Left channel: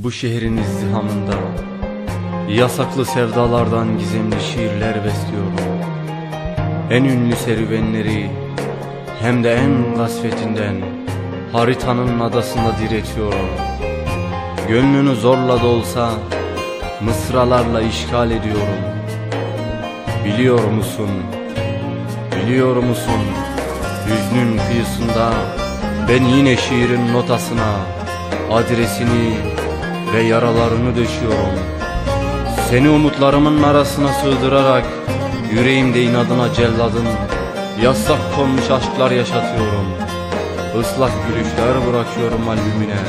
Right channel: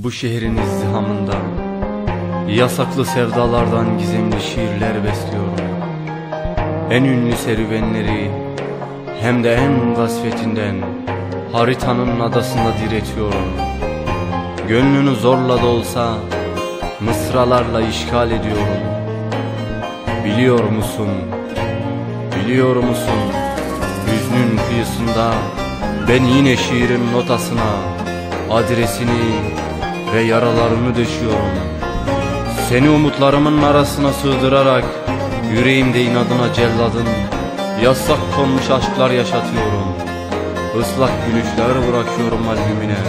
Bu şehrin izdihamında yasaklı sevdalardan gizemli şiirler besliyorum. En ünlü serüvenleri hem de en gasvetinden haritanın adasında diretiyorum. Gönlünü zorla da olsa mısralarla işgal ediyorum. Biliyor musun, biliyor musun, hüznün kıyısında ben yine şiirin notasına adresini ve yaralarını döşüyorum. Seni umutlarımın arasına sığdırarak yüreğimde inadına celladın yasak konmuş aşklar yaşatıyorum. Islak gülüşler bırakıyorum albümüne,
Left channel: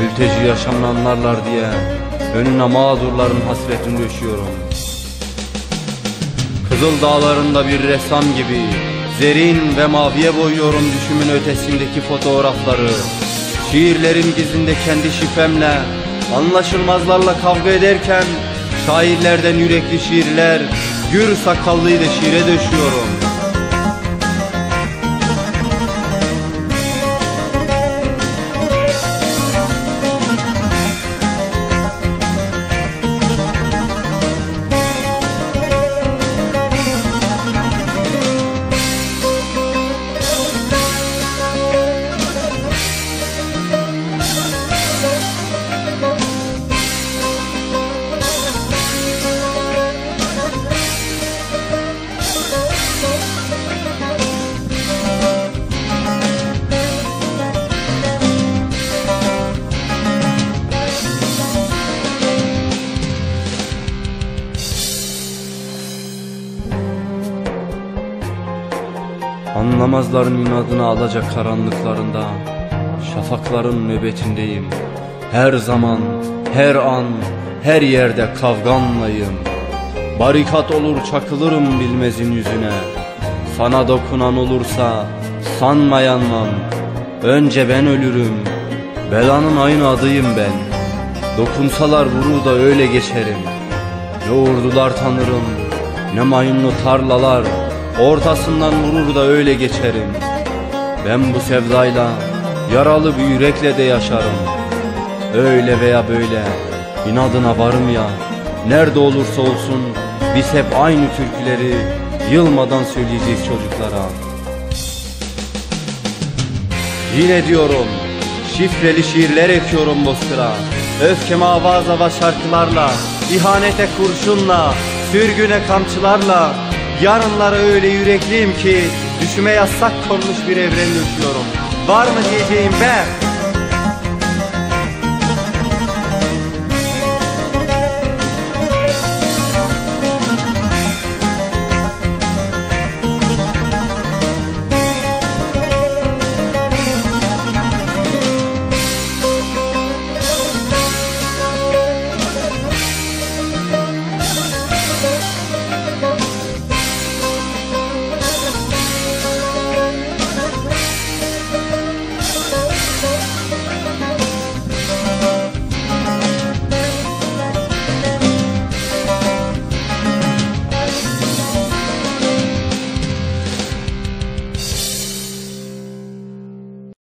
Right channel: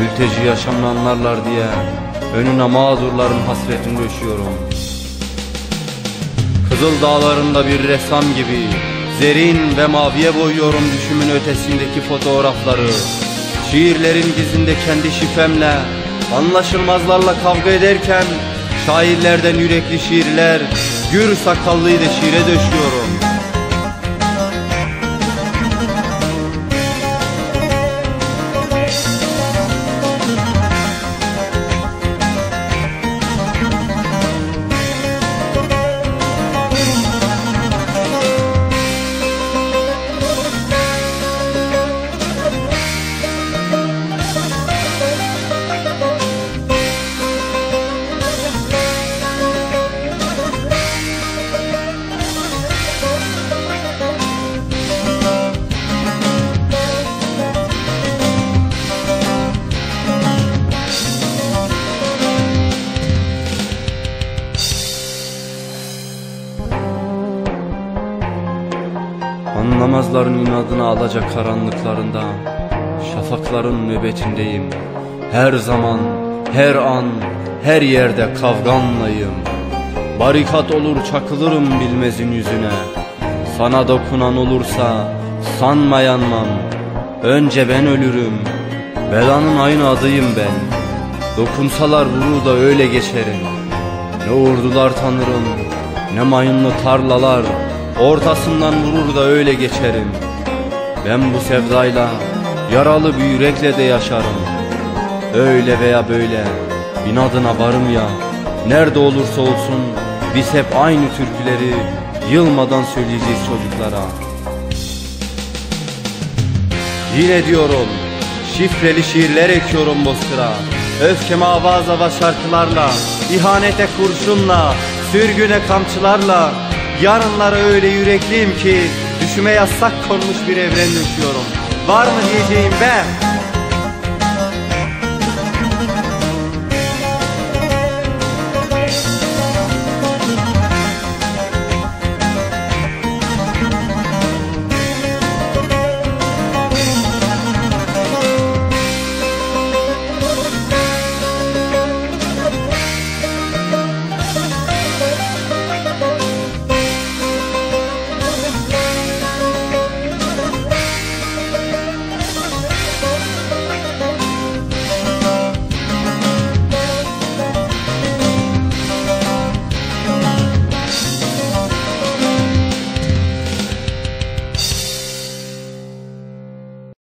mülteci yaşamını anlarlar diye önüne mağdurların hasretini döşüyorum. Kızıl dağlarında bir ressam gibi zerin ve maviye boyuyorum düşümün ötesindeki fotoğrafları. Şiirlerin gizinde kendi şifremle anlaşılmazlarla kavga ederken şairlerden yürekli şiirler gür sakallıyı da şiire döşüyorum. Anlamazların inadına alacak karanlıklarında şafakların nöbetindeyim. Her zaman, her an, her yerde kavganlayım. Barikat olur çakılırım bilmezin yüzüne. Sana dokunan olursa sanma yanmam. Önce ben ölürüm, belanın aynı adıyım ben. Dokunsalar vurur da öyle geçerim. Ne ordular tanırım, ne mayınlı tarlalar, ortasından vurur da öyle geçerim. Ben bu sevdayla, yaralı bir yürekle de yaşarım. Öyle veya böyle, inadına varım ya. Nerede olursa olsun, biz hep aynı türküleri yılmadan söyleyeceğiz çocuklara. Yine diyorum, şifreli şiirler ekiyorum bozkıra. Öfkeme avaz avaz şarkılarla, ihanete kurşunla, sürgüne kamçılarla. Yarınlara öyle yürekliyim ki düşüme yasak konmuş bir evren döşüyorum. Var mı diyeceğim be?